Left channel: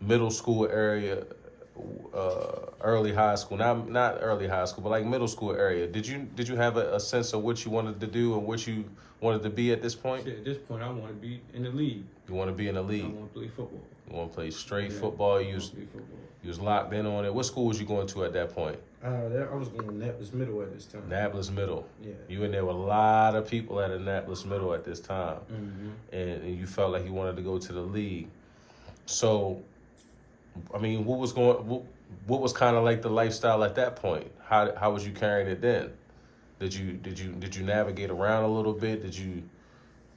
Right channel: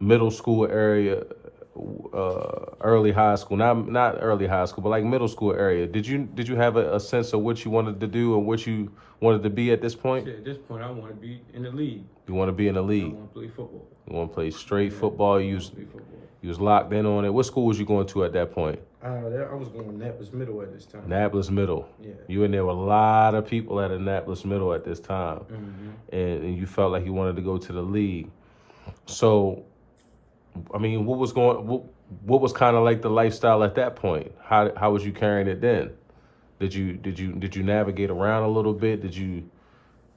middle school area, early high school, not early high school, but like middle school area, did you have a sense of what you wanted to do and what you wanted to be at this point? Shit, at this point, I want to be in the league. You want to be in the league? I want to play football. You want to play straight football? I want to play football. You was locked in on it. What school was you going to at that point? I was going to Annapolis Middle at this time. Annapolis Middle. Yeah. You and there were a lot of people at Annapolis Middle at this time, Mm-hmm. and you felt like you wanted to go to the league. So, I mean, what was kind of like the lifestyle at that point? How was you carrying it then? Did you navigate around a little bit? Did you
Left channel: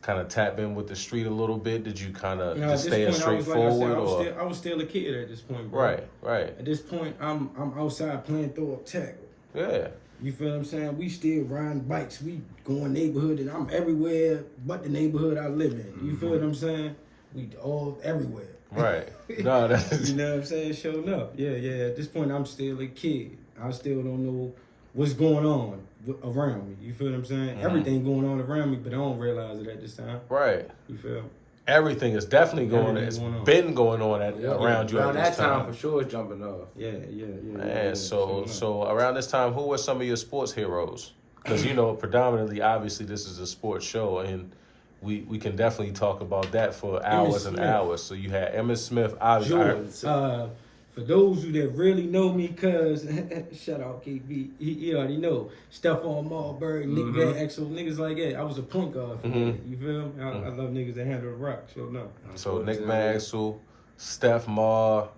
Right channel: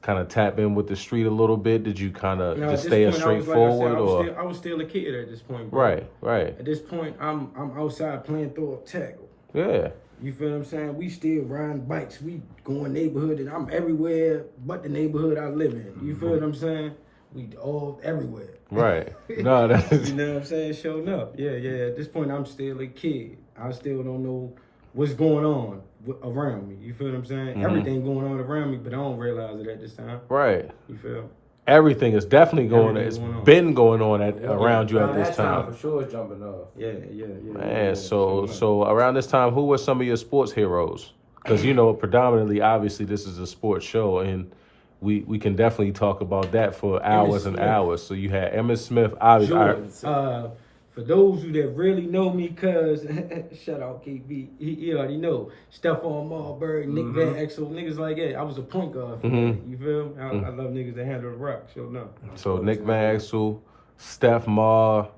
kind of tap in with the street a little bit? Did you kind of just stay straightforward? I was still a kid at this point, bro. Right. At this point, I'm outside playing throw up tackle. Yeah. You feel what I'm saying? We still riding bikes. We going neighborhood, and I'm everywhere but the neighborhood I live in. You feel what I'm saying? We all everywhere. Right. No, that's... You know what I'm saying? Showing up. Yeah. At this point, I'm still a kid. I still don't know what's going on around me. You feel what I'm saying? Mm-hmm. Everything going on around me, but I don't realize it at this time. Right. You feel? Everything is definitely going on. It's been going on around you at this time. For sure is jumping off. Yeah. Man, so around this time, who were some of your sports heroes? Because, predominantly, obviously, this is a sports show, and we can definitely talk about that for hours and hours. So you had Emmitt Smith, obviously. Sure. For those who that really know me, cuz, shout out KB, he already know. Stephon Marbury, Nick Van Exel, niggas like that. I was a point guard for that. You feel me? I love niggas that handle the rock, sure no. So Nick Van Exel, Steph Mar,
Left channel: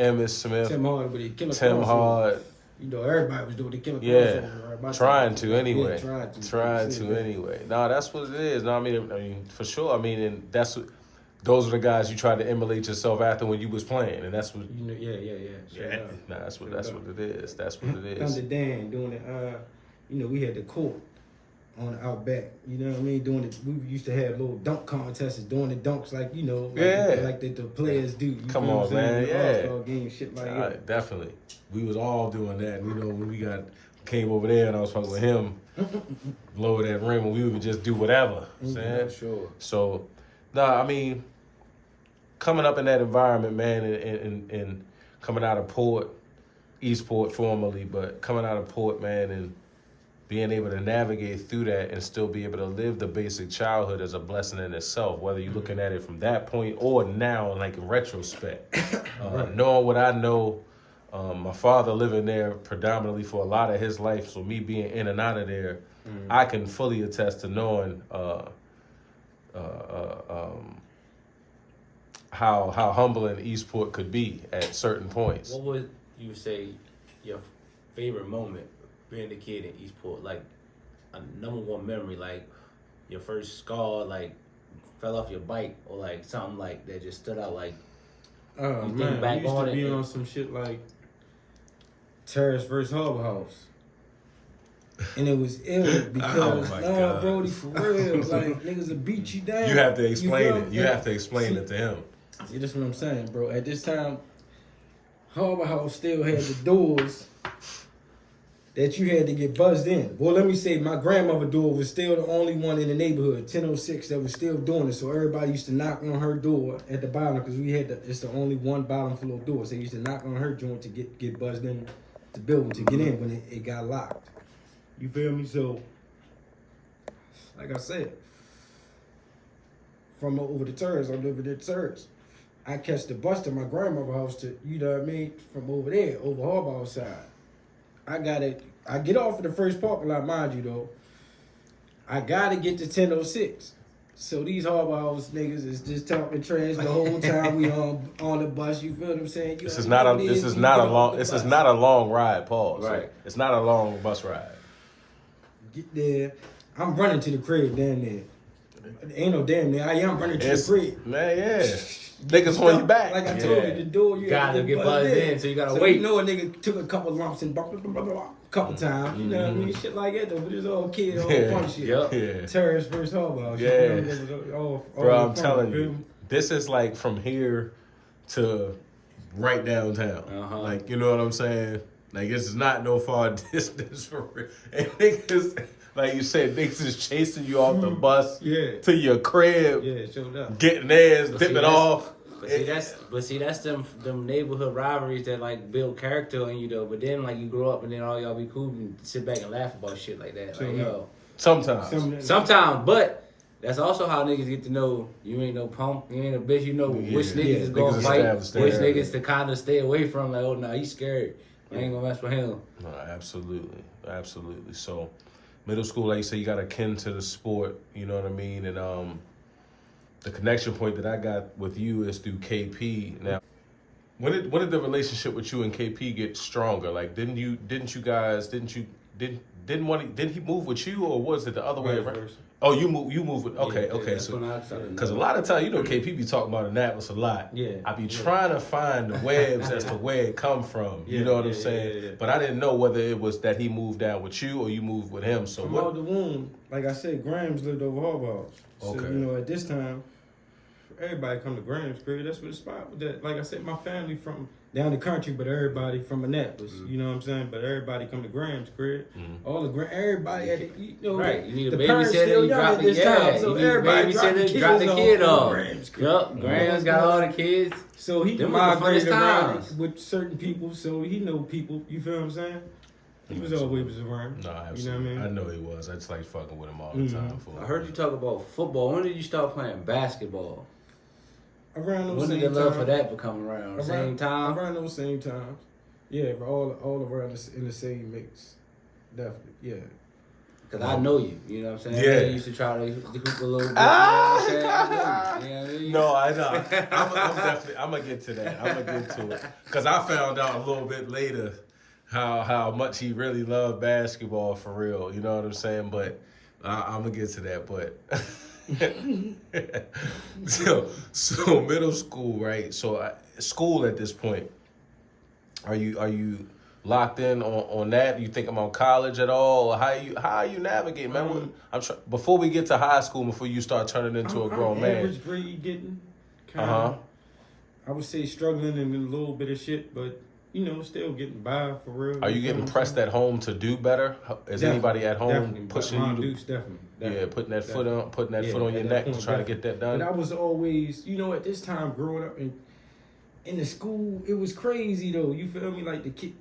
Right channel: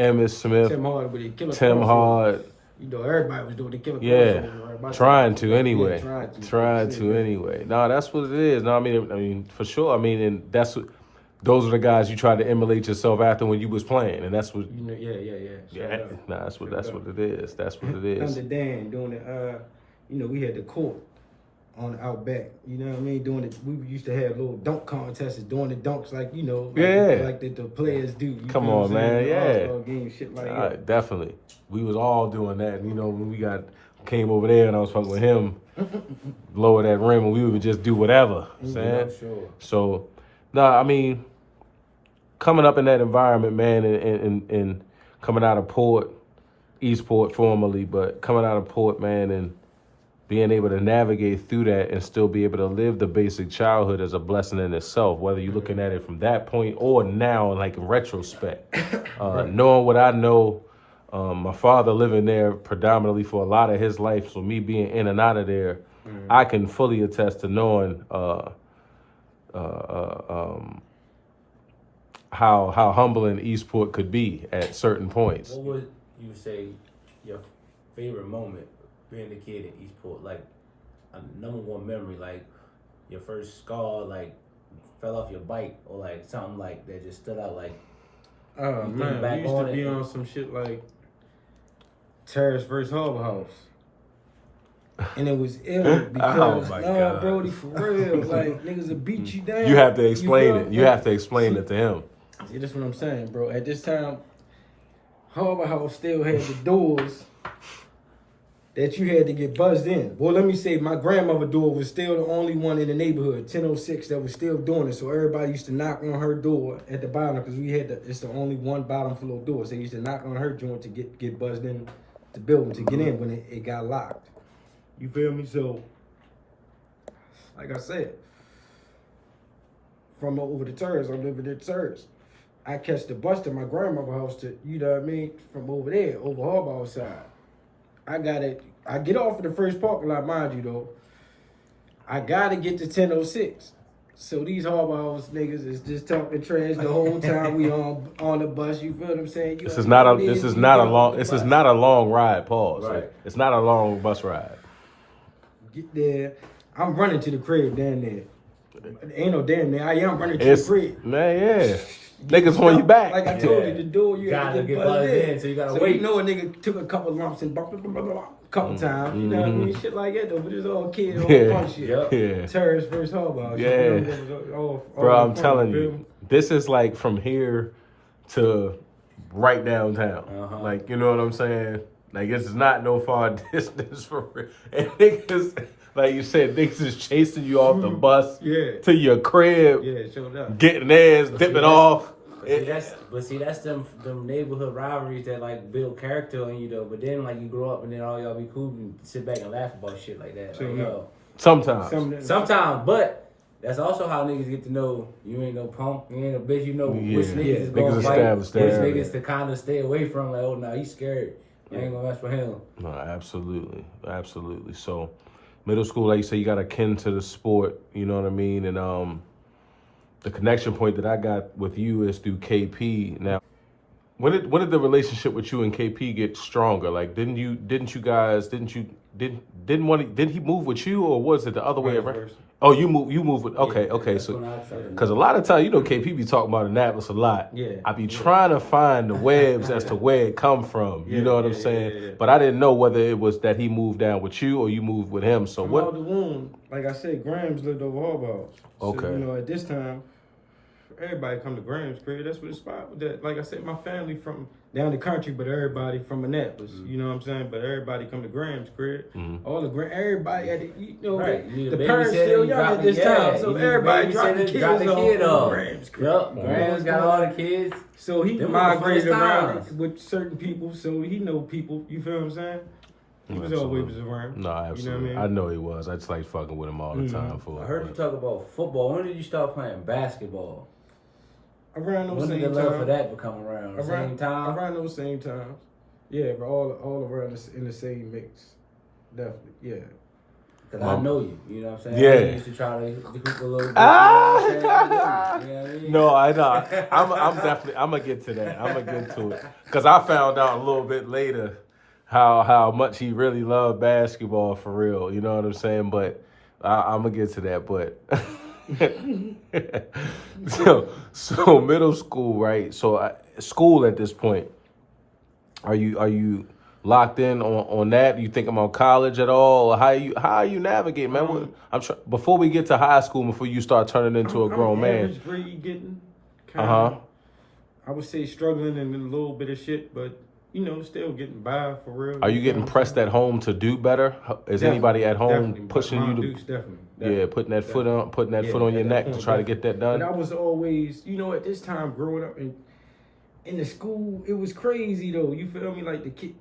Emmitt Smith, Tim Hard with the killer Tim crossover. Hard. You know, everybody was doing the killer crossover. Right? Trying to anyway. Yeah, trying to anyway. No, that's what it is. No, I mean, for sure. I mean, and that's what... Those are the guys you tried to emulate yourself after when you was playing, and that's what. Sure that's what it is. That's what it is. Thunder Dan doing the, we had the court on the out back. You know what I mean? Doing it. We used to have little dunk contests, doing the dunks like like the players do. You Come feel on, what I'm saying? man. The Yeah. All-Star game, shit like that. Definitely. We was all doing that. And, when we came over there and I was fucking with him, lower that rim, and we would just do whatever. Yeah, sure. So, I mean, coming up in that environment, man, and coming out of Port, Eastport formerly, but coming out of Port, man, and being able to navigate through that and still be able to live the basic childhood is a blessing in itself, whether you're looking at it from that point or now, like in retrospect. Knowing what I know, my father living there predominantly for a lot of his life, so me being in and out of there, I can fully attest to knowing how humbling Eastport could be at certain points. What would you say your favorite moment being a kid in Eastport? Like a number one memory, like your first scar, like fell off your bike, or like something like that just stood out. Like Man, we used to be on some shit like Terrace versus Harbor House. And it was ill because, God. Brody, for real, like niggas will beat you down. You have to explain it. You have to explain it to him. See, that's what I'm saying, bro. At this time, Harbor House still had the doors that you had to get buzzed in. Well, let me say, my grandmother's door was still the only one in the neighborhood, 1006, that was still doing it. So everybody used to knock on her door at the bottom because it's the only one bottom floor door. So they used to knock on her joint to get buzzed in the building to get in when it got locked. You feel me? So, like I said, from over the turns, I'm living at Turns. I catch the bus to my grandmother's house to, you know what I mean, from over there, over Harbor House side. I get off at the first parking lot, mind you though. I gotta get to 1006. So these Harbor House niggas is just talking trash the whole time we on the bus. You feel what I'm saying? This is not a long ride, pause. Right. It's not a long bus ride. Get there. I'm running to the crib down there. Ain't no damn there. I am running to the crib. Man, yeah. Niggas on your back. Like I told you, the door you gotta get buzzed in, so you gotta wait. You know a nigga took a couple lumps and couple times. You know what I mean? Shit like that though. But it's all kid, all fun shit. Yeah. Terrorist versus Harbor House. You feel me? That was all Bro, I'm fun, telling you, this is like from here to right downtown. Like, you know what I'm saying? Like, this is not no far distance for real. And niggas, like you said, niggas is chasing you off the bus to your crib. Yeah, showed up. Getting theirs, dipping off. But see that's them neighborhood rivalries that like build character in you though. But then like you grow up and then all y'all be cool and sit back and laugh about shit like that. Like, yo, sometimes, but that's also how niggas get to know you ain't no punk, you ain't a bitch. You know which niggas is gonna fight, which niggas to kind of stay away from. Like, oh, nah, he's scared. I ain't gonna mess with him. No, absolutely. So, middle school, like you say, you got akin to the sport. You know what I mean? And the connection point that I got with you is through KP. Now, when did the relationship with you and KP get stronger? Like, didn't he move with you, or was it the other way around? Oh, you move with, okay. So, because a lot of times, KP be talking about Annapolis a lot. Yeah. I be trying to find the webs as to where it come from. You know what I'm saying? Yeah. But I didn't know whether it was that he moved down with you or you moved with him. So from out the womb, like I said, Grams lived over Harbaugh's. So, at this time, everybody come to Grams' crib. That's what the spot was. That, like I said, my family from down the country, but everybody from Annapolis. You know what I'm saying? But everybody come to Grams' crib. All the everybody at the right. You need the a parents still young at this time, so everybody drop the kid off. Grams' got all the kids. So he migrated around with certain people, so he know people. You feel what I'm saying? He was always around. No, absolutely. You know what I mean? I know he was. I just like fucking with him all the time. I heard you talk about football. When did you start playing basketball? Around those same times. When did the love for that become around? Same time? Around those same times. Yeah, all around in the same mix. Definitely, yeah. Because I know you know what I'm saying? Yeah. I used to try to hoop a little bit, you know what I'm saying? I know you know what I mean? No, I know. I'm definitely, I'm going to get to that. I'm going to get to it. Because I found out a little bit later how much he really loved basketball for real. You know what I'm saying? But I'm going to get to that. But so middle school, right? So school at this point, are you locked in on that? You think about college at all? Or how are you navigating? Man, I'm sure before we get to high school, before you start turning into a grown man. Average grade getting kind of. I would say struggling in a little bit of shit, but still getting by for real. Are you getting pressed at home to do better? Is anybody at home pushing you to? Definitely. Yeah, putting that foot on your neck to try to get that done. But I was always, at this time growing up in the school, it was crazy though. You feel me? Like the kid,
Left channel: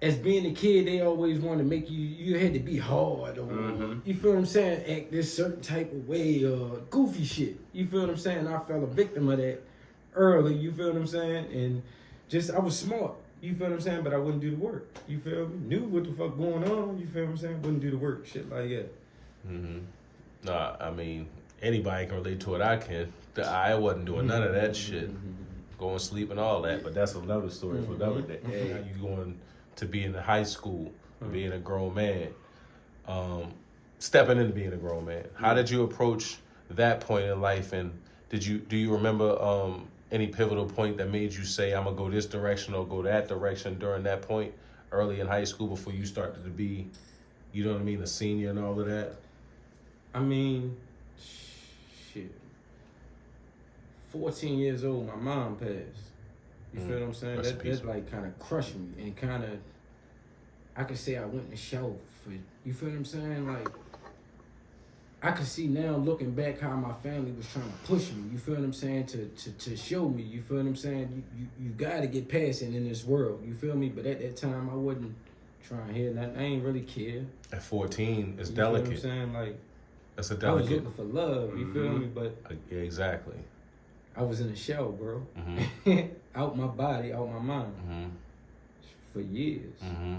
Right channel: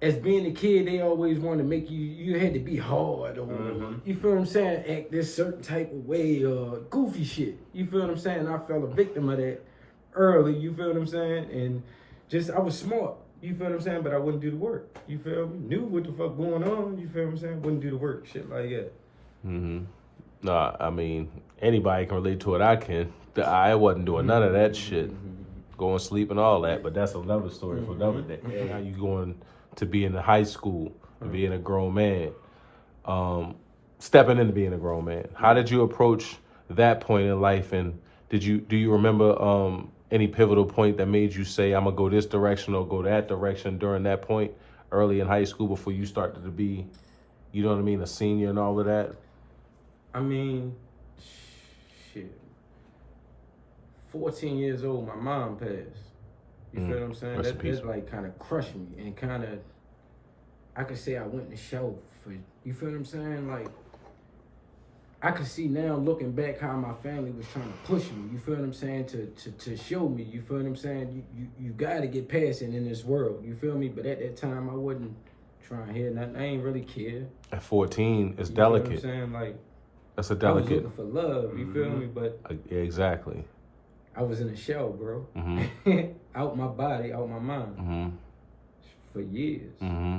as being a kid, they always want to make you had to be hard or you feel what I'm saying? Act this certain type of way or goofy shit. You feel what I'm saying? I fell a victim of that early. You feel what I'm saying? And I was smart, you feel what I'm saying? But I wouldn't do the work, you feel me? Knew what the fuck going on, you feel what I'm saying? Wouldn't do the work, shit like that. Nah, I mean, anybody can relate to it. I can. I wasn't doing none of that shit. Going to sleep and all that, but that's another story for another day. How you going to be in the high school and being a grown man, stepping into being a grown man. How did you approach that point in life, and do you remember any pivotal point that made you say, I'm going to go this direction or go that direction during that point early in high school before you started to be, you know what I mean, a senior and all of that? I mean, shit. 14 years old, my mom passed. You feel what I'm saying? That like kind of crushed me and kind of, I could say I went in the show for, you feel what I'm saying? Like, I can see now looking back how my family was trying to push me, you feel what I'm saying, to show me, you feel what I'm saying? You got to get past it in this world, you feel me? But at that time, I wasn't trying to hear nothing. I ain't really care. At 14, it's you delicate. You feel what I'm saying? Like, that's a delicate. I was looking for love, you feel me? But yeah, exactly. I was in a shell, bro. Out my body, out my mind. For years.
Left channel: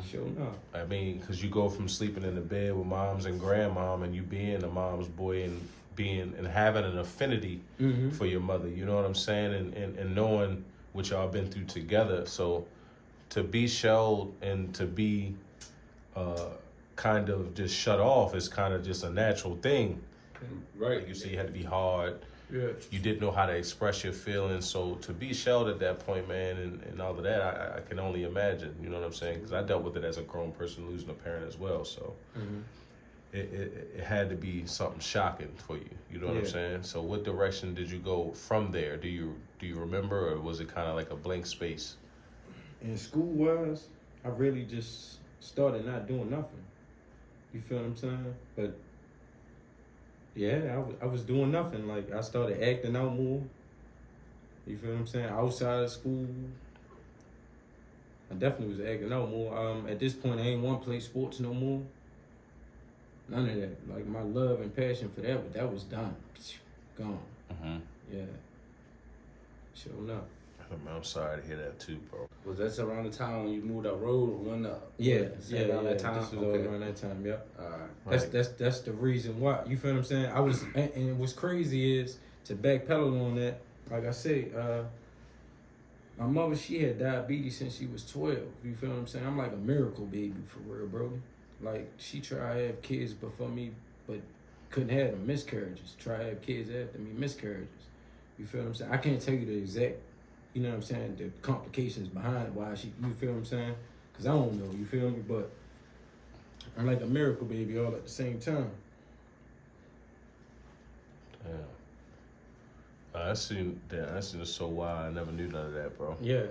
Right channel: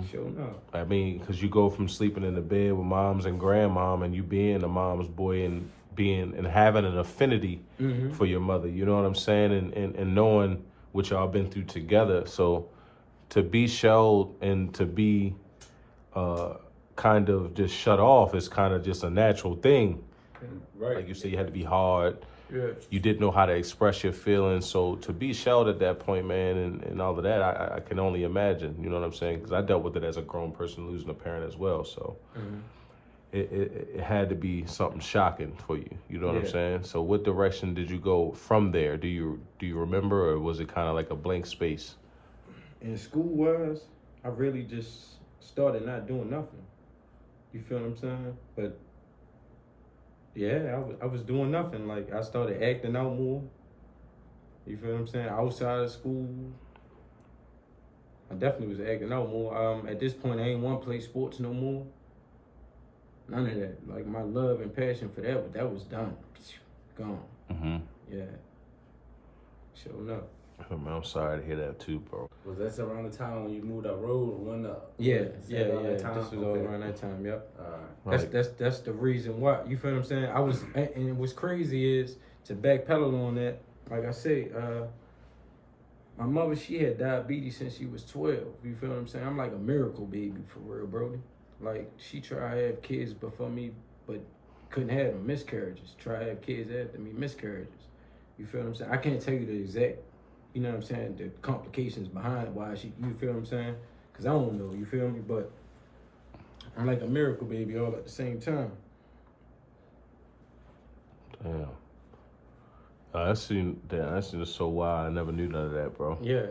Sure enough. I mean, because you go from sleeping in the bed with moms and grandmom and you being a mom's boy and having an affinity for your mother, you know what I'm saying? And knowing what y'all been through together. So to be shelled and to be kind of just shut off is kind of just a natural thing. Right. Like you said, you had to be hard. Yeah. You didn't know how to express your feelings. So to be shelled at that point, man, and all of that, I can only imagine. You know what I'm saying? Because I dealt with it as a grown person losing a parent as well. So it had to be something shocking for you. You know what I'm saying? So what direction did you go from there? Do you remember, or was it kind of like a blank space? In school-wise, I really just started not doing nothing. You feel what I'm saying? But yeah, I was doing nothing. Like, I started acting out more. You feel what I'm saying? Outside of school, I definitely was acting out more. At this point, I ain't want to play sports no more. None of that. Like, my love and passion for that, but that was done. Gone. Mm-hmm. Yeah. Sure enough. I'm sorry to hear that too, bro. Was that around the time when you moved up road or when Yeah. That time? This was all around that time, yep. Alright. That's the reason why. You feel what I'm saying? I was, and what's crazy is to backpedal on that. Like I say, my mother, she had diabetes since she was 12. You feel what I'm saying? I'm like a miracle baby for real, Brody. Like, she tried to have kids before me, but couldn't have them, miscarriages. Tried to have kids after me, miscarriages. You feel what I'm saying? I can't tell you the exact, you know what I'm saying, the complications behind why she, you feel what I'm saying? Because I don't know, you feel me? But I'm like a miracle baby all at the same time. Damn. That seems so wild. I never knew none of that, bro. Yeah,